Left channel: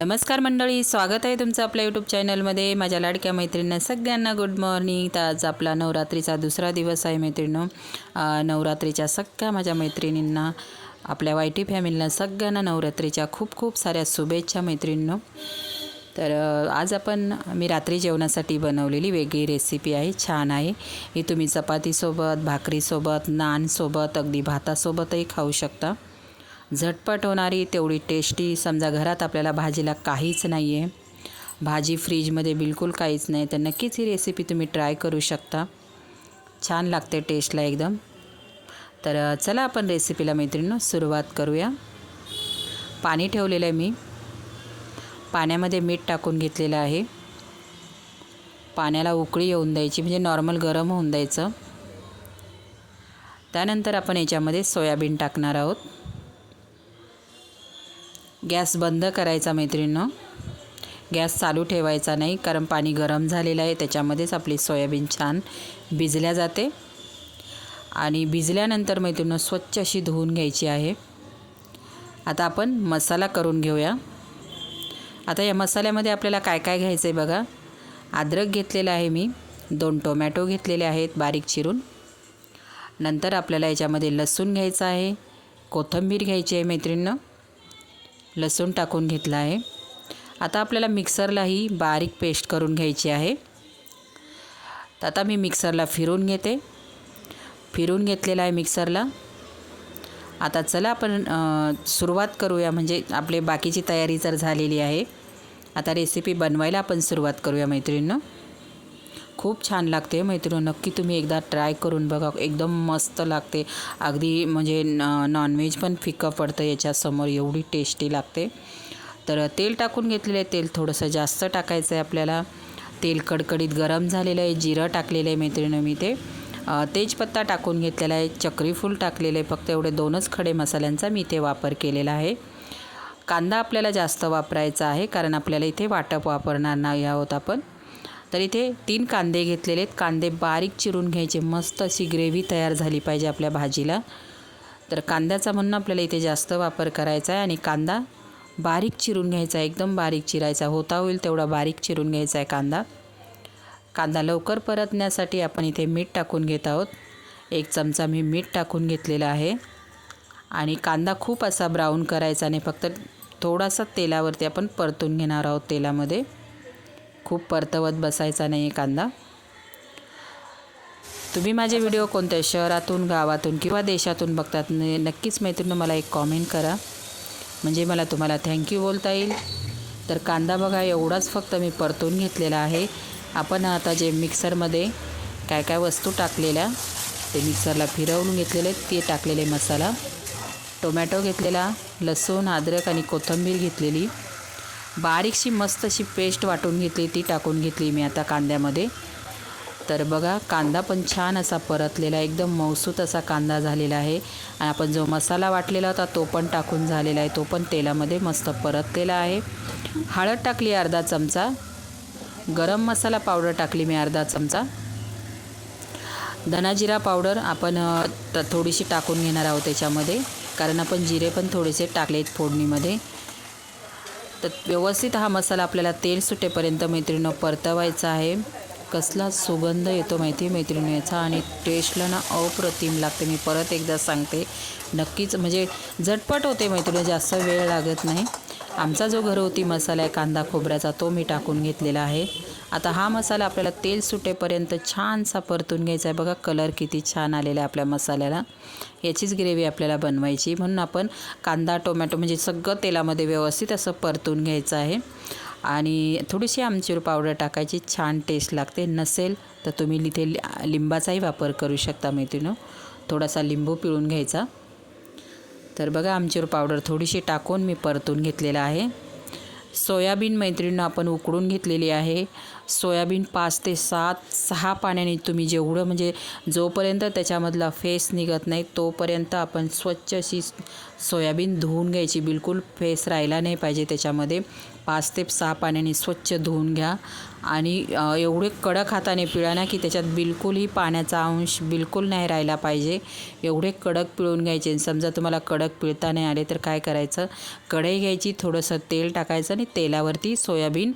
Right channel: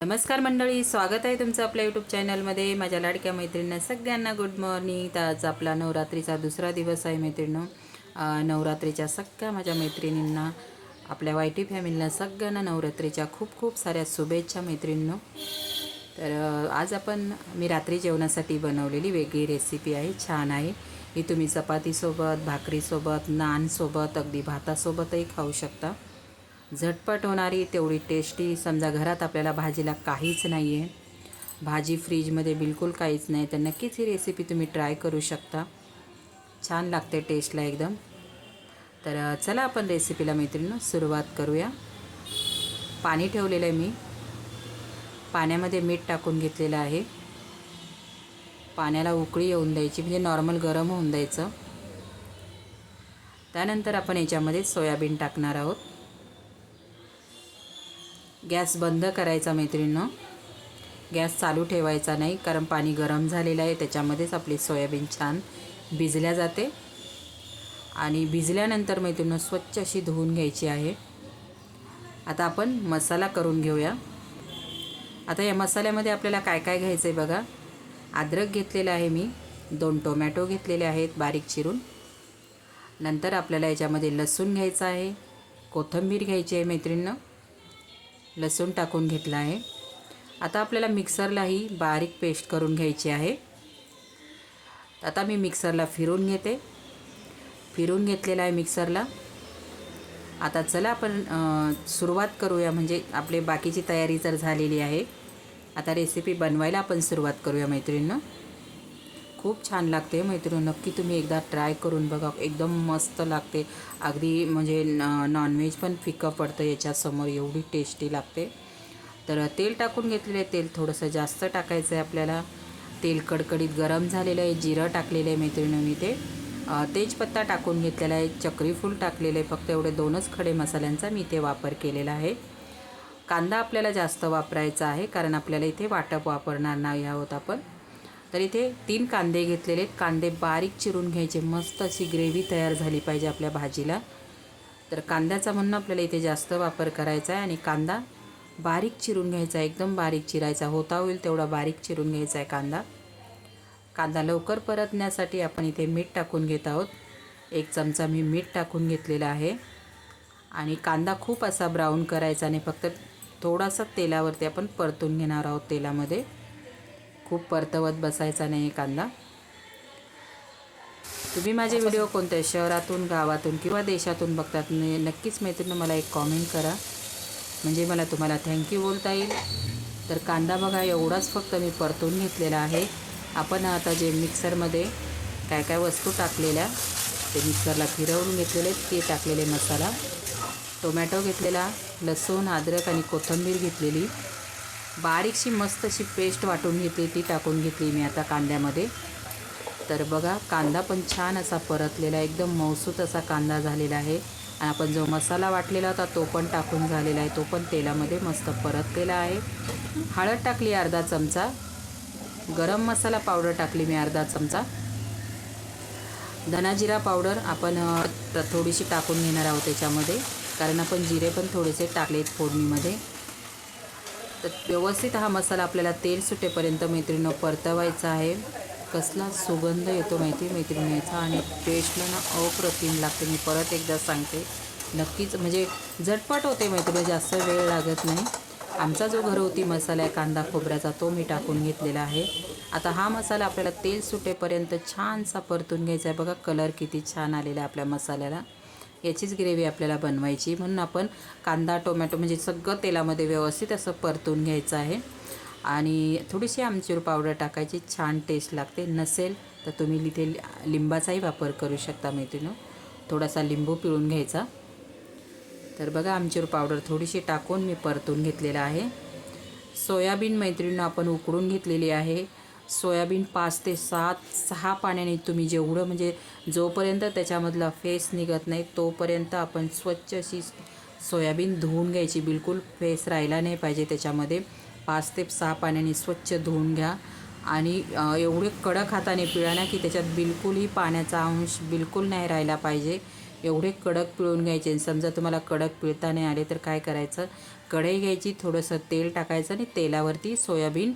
नमस्कार मंडळी स्वागत आहे तुमचं आपल्या यूट्यूब चॅनलमध्ये माझ्या लाडक्या मैत्रिणींना सगळ्यांना गुड मॉर्निंग तर आज आपला नवरात्रीचा दुसरा दिवस आहे मैत्रिणींनो. नवरात्रीच्या सगळ्या माझ्या मैत्रिणींना आपल्या वाय टी फॅमिलीला सगळ्यांना नवरात्रीच्या खूप खूप साऱ्या शुभेच्छा मैत्रिणींनो. तर आज आपण मी रात्री जेवणासाठी बनवलेली वेगळी रेसिपी आहे. छान आहे. ही तुम्ही चपातीसोबत भाकरीसोबत नानसोबत अगदी भातासोबतही खाऊ शकता. झटपट होणारी तेवढी टेस्टी समजा घरात आपल्याला भाजीला काहीच नाही आहे भाजी फ्रीजमध्ये बिलकुल काहीच नाही तर नक्कीच ही रेसिपी तुम्ही ट्राय करू शकता. छान लागते टेस्टला एकदम. तर चला आपण रेसिपीला मैत्रिणींनो सुरुवात करूया. पाणी ठेवलेलं आहे मी. पाण्यामध्ये मीठ टाकून घेतलेलं आहे. पाण्याला उकळी येऊन द्यायची म्हणजे नॉर्मल गरम होऊन द्यायचं. त्यानंतर आपण याच्यामध्ये सोयाबीन टाकणार आहोत. गॅस बंद करायचा मैत्रिणीनं. गॅस चालू ठेवायचा नाही कारण पाणी गरम झालेलं आहे त्याच्यामध्येच आपली सोयाबीन छान भिजल्या जाते. आणि भिजल्यानंतर मैत्रिणीनं स्वच्छ अशी धुवून घ्यायची आहे. आता आपण मसाला करून घेऊया. आता या मसाल्यामध्ये आपल्याला काय काय घ्यायचं आहे बघा. अद्रक घेतलेलं आहे मी दोन टोमॅटो घेतलेले आहेत बारीक चिरून. नंतर आपल्याला याच्यामध्ये लसूण घ्यायचं आहे कोथिंबीर घ्यायची आहे मैत्रिणीनं. लसूण टाकून घेतला आहे. आता आपल्याला मिक्सरलाही बारीक पेस्ट करून घ्यायची आहे. आता मी मिक्सरला फिरून घेते. फिरून घेतलेला आहे मिक्सरला. आता चला आपण सुरुवात करूया. म्हणजे आपले बाकीची तयारी जर झालेली आहे आता रेसिपी बनवायला आपण सुरुवात करूया मैत्रिणीनं. खूप छान लागते मैत्रिणी नक्की तुम्ही एकदा ट्राय करून बघा. एकदम मस्त लागते. अगदी म्हणजे न नॉनव्हेज पण फिकं पडतं याच्यासमोर. एवढी टेस्टी लागते. तर तेल टाकून घेतलेलं आहे. तेल थोडंसं जास्त टाकायचं आहे आपल्याला. तेल कडकडीत गरम झालेलं आहे. जिरं टाकलेलं आहे मैत्रिणी मी ते. तेजपत्ता टाकून घेतलेला आहे. चक्रीफूल टाकलेलं आहे. फक्त एवढे दोनच खडे मसाल्यांचा मी इथे वापर केलेला आहे. कांदा आपल्याला जास्त वापरायचा आहे. कारण आपल्याला इथे वाटप वापरणार नाही आहोत आपण. तर इथे तीन कांदे घेतलेले आहेत. कांदे बारीक चिरून घ्यायचे. मस्त अशी ग्रेव्ही तयार झाली पाहिजे आपल्या भाजीला. तर कांद्याचा म्हणून आपल्याला इथे जास्त वापर करायचा आहे आणि कांदा बारीक चिरून घ्यायचा आहे. एकदम बारीक चिरायचा. होता होईल तेवढा बारीक चिरून घ्यायचा आहे कांदा. कांदा लवकर परतण्यासाठी आपण इथे मीठ टाकून घेत आहोत. एक चमचा मी मीठ टाकून घेतलेला आहे. आणि कांदा खूप असा ब्राऊन करायचा नाही. फक्त थोडासा तेलावरती आपण परतून घेणार आहोत तेलामध्ये. खूप परतवत बसायचा नाही कांदा. तुम्ही माझे व्हिडिओ कोणत्या शहरातून गावातून किंवा देशातून बघतात नक्कीच मैत्रिणी मला एक कॉमेंट करा. म्हणजे मला तुम्हाला थँक्यू बोलता येईल. तर कांदा बघा एवढाच फक्त मी परतून घेतलेला आहे. आपण आता जे मिक्सरमध्ये काय काय वस्तू टाकलेल्या ते मिक्सरला फिरवून घेतलेले ते टाकलेले मसाला. टोमॅटो घेतलेला लसूण अद्रक आणि कोथिंबीर घेतलेली. बारीकशी मस्त अशी पेस्ट वाटून घेतली ती टाकून घेतली मी आता कांद्यामध्ये. तर बघा कांदा पण छान असा परतलेला आहे एकदम मौसूत असा कांदा झालेला आहे. आणि आपण जो मसाला वाटलेला होता तो पण टाकून झालेला आहे. तो पण तेलामध्ये मस्त परतलेला आहे. हळद टाकली अर्धा चमचा. गरम मसाला पावडर टाकली मी अर्धा चमचा. धनाजिरा पावडर आपण थोडीशी टाकून घेणार आहोत त्याच्यामध्ये. कारण आपण जिरे पण थोडेसे टाकलेत फोडणीमध्ये. तर व्यवस्थित हा मसाला आपल्याला तेल सुटेपर्यंत मैत्रिणीनं परतवायचा आहे. कसला सुगंध येतो माहिती मैत्रिणी याचा आणि टेस्टला ना अप्रतिम लागते. मी परत एकदा सांगते. नक्कीच म्हणजे झटपट होते मैत्रिणी जास्त वेळ लागत नाही. आमचा जो घरगुती मसाला आहे कांदा खोबऱ्याचा तो मी टाकून घेतलेला आहे. आता हा मसाला आपल्याला तेल सुटेपर्यंत छानसा परतून घ्यायचा आहे. बघा कलर किती छान आलेला आहे आपल्या मसाल्याला. याचीच ग्रेव्ही आपल्याला बनवायची. म्हणून आपण कांदा टोमॅटो म्हणजे सगळं तेलामध्ये व्यवस्थित असं परतून घ्यायचं आहे. आणि थोडीशी आमचूर पावडर टाकायची. छान टेस्ट लागते. नसेल तर तुम्ही इथे लि- लिंबाचाही वापर करू शकता मैत्रिणं थोडासा लिंबू पिळून घ्यायचा. तर बघा आमचूर पावडर थोडीशी टाकून मी परतून घेतलेला आहे. सोयाबीन मैत्रिणीनं आपण उकडून घेतलेली आहे. सोयाबीन पाच ते सात सहा पाण्याने तुम्ही जेवढं म्हणजे जोपर्यंत त्याच्यामधला फेस निघत नाही तोपर्यंत आपण स्वच्छ अशी सोयाबीन धुवून घ्यायची. बिलकुल फेस राहिला नाही पाहिजे त्याच्यामध्ये. पाच ते सहा पाण्याने स्वच्छ धुवून घ्या. आणि एवढे कडक हाताने पिळा ना की त्याच्यात बिलकुलही पाण्याचा अंश बिलकुल नाही राहिला पाहिजे. एवढे कडक पिळून घ्यायचे आणि समजा तुम्हाला कडक पिळता नाही आले तर काय करायचं? कढई घ्यायची थोडंसं तेल टाकायचं आणि तेलावरती सोयाबीन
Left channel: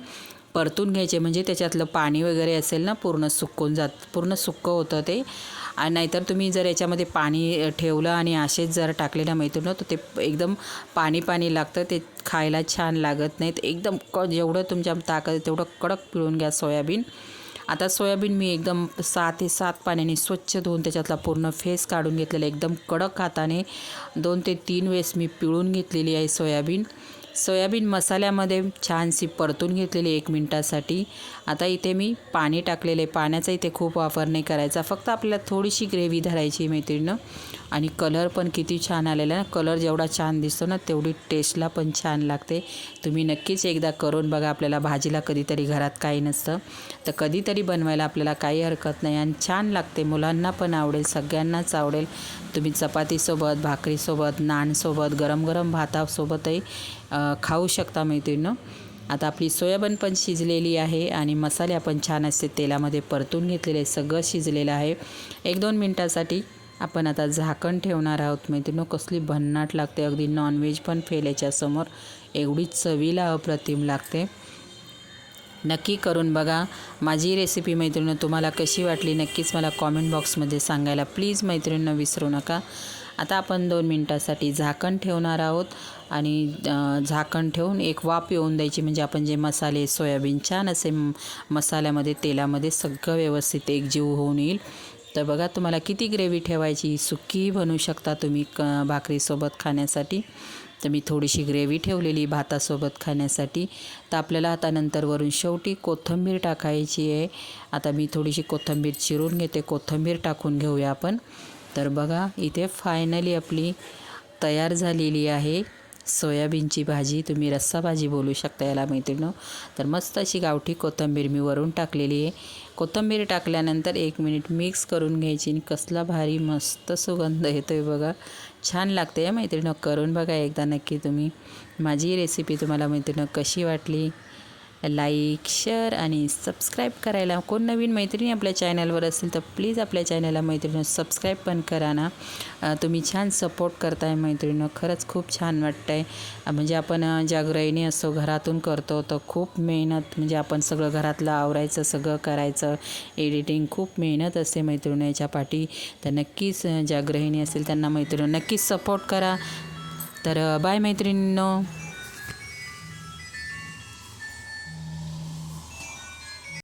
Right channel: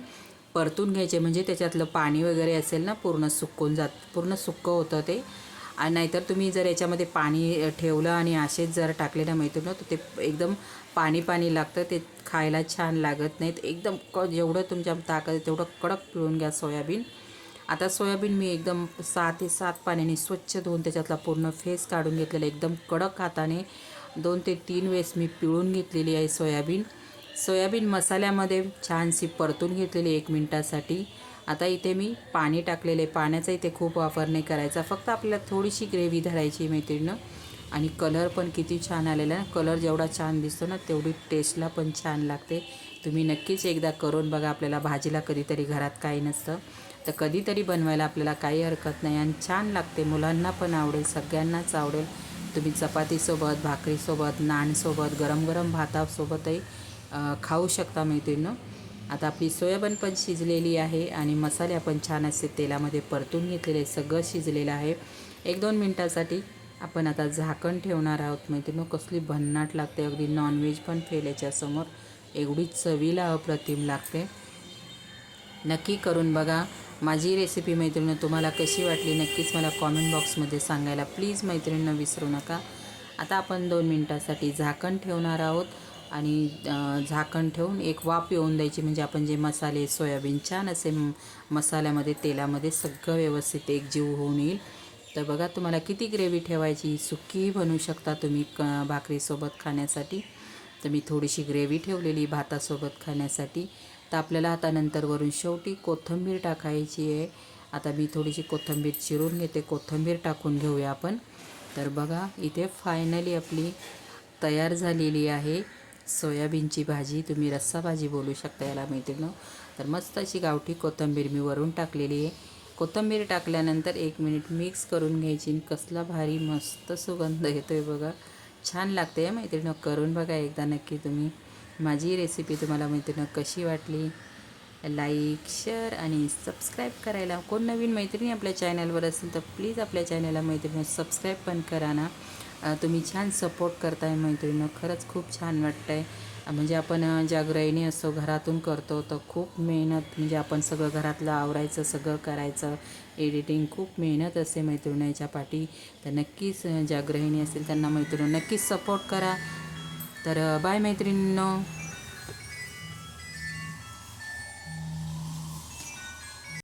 परतून घ्यायचे. म्हणजे त्याच्यातलं पाणी वगैरे असेल ना पूर्ण सुकून जात पूर्ण सुक्कं होतं ते. आणि नाहीतर तुम्ही जर याच्यामध्ये पाणी ठेवलं आणि असेच जर टाकले ना मैत्रीण तर ते एकदम पाणी पाणी लागतं ते खायला छान लागत नाहीत. एकदम क जेवढं तुमच्या ताकद तेवढं कडक पिळून घ्या सोयाबीन. आता सोयाबीन मी एकदम सहा ते सात पाण्याने स्वच्छ धुवून त्याच्यातला पूर्ण फेस काढून घेतलेला एकदम कडक हाताने दोन ते तीन वेळेस मी पिळून घेतलेली आहे सोयाबीन. सोयाबीन मसाल्यामध्ये छानशी परतून घेतलेली एक मिनटासाठी. आता इथे मी पाणी टाकलेले पाण्याचा इथे खूप वापर नाही करायचा. फक्त आपल्याला थोडीशी ग्रेव्ही धरायची मैत्रिणीनं. आणि कलर पण किती छान आलेला ना. कलर जेवढा छान दिसतो ना तेवढी टेस्टला पण छान लागते. तुम्ही नक्कीच एकदा करून बघा आपल्याला भाजीला कधीतरी घरात काही नसतं. तर कधीतरी बनवायला आपल्याला काही हरकत नाही. आणि छान लागते. मुलांना पण आवडेल. सगळ्यांनाच आवडेल. तुम्ही चपातीसोबत भाकरीसोबत नानसोबत गरम गरम भातासोबतही खाऊ शकता मैत्रिणीनं आता आपली सोयाबीन पण शिजलेली आहे आणि मसाले आपण छान असे तेलामध्ये परतून घेतलेले सगळं शिजलेलं आहे. एक दोन मिनटासाठी आपण आता झाकण ठेवणार आहोत. मैत्रिणी कसली भन्नाट लागते. अगदी नॉनव्हेज पण फेल याच्यासमोर. एवढी चवीला अप्रतिम लागते. नक्की करून बघा. माझी रेसिपी मैत्रिणं तुम्हाला कशी वाटली नक्कीच मला कॉमेंट बॉक्समध्ये सांगायला. प्लीज मैत्रिणीनं विसरू नका. आता आपण दोन मिनटासाठी झाकण ठेवणार आहोत. आणि झाकण ठेवून एक वाफ येऊन द्यायची. म्हणजे आपण जे मसाले सोयाबीन छान असे मसाल्यामध्ये तेलामध्ये सगळं व्यवस्थित एकजीव होऊन येईल. तर बघा तुम्हाला किती ग्रेव्ही ठेवायची सुकी बनवू शकता तुम्ही क भाकरीसोबत खाण्यासाठी. तर मी थोडीशी ग्रेव्ही ठेवलेली भातासोबत खाण्यासाठी. तर आपल्याला आता नंतरवरून शेवटी कोथिंबीर टाकायची आहे. आता मी थोडीशी कोथिंबीर चिरून घेते. कोथिंबीर टाकून घेऊया आपण. तर बघा इथे फायनली आपली तयार झालेली आहे. सोयाबीनची भाजी तुम्ही रस्सा भाजी बोलू शकता याला मैत्रिणं तर मस्त अशी गावठी कोथिंबीर मी वरून टाकलेली आहे. कोथिंबीर टाकल्यानंतर एक मिनिट मिक्स करून घ्यायची आणि कसला भारी मस्त सुगंध येतो आहे बघा. छान लागते या मैत्रिणं करून बघा एकदा नक्की तुम्ही. माझी रेसिपी तुम्हाला मैत्रिणं कशी वाटली? लाईक शेअर आणि सबस्क्राईब करायला. कोण नवीन मैत्रिणी आपल्या चॅनलवर असेल तर प्लीज आपल्या चॅनलला मैत्रिणी सबस्क्राईब पण करा ना. तुम्ही छान सपोर्ट करताय मैत्रिणीनं. खरंच खूप छान वाटतं आहे म्हणजे आपण ज्या गृहिणी असतो घरातून करतो तर खूप मेहनत म्हणजे आपण सगळं घरातलं आवरायचं सगळं करायचं. एडिटिंग खूप मेहनत असते मैत्रिणी याच्या पाठी. तर नक्कीच ज्या गृहिणी असेल त्यांना मैत्रिणी नक्कीच सपोर्ट करा. तर बाय मैत्रिणींनो.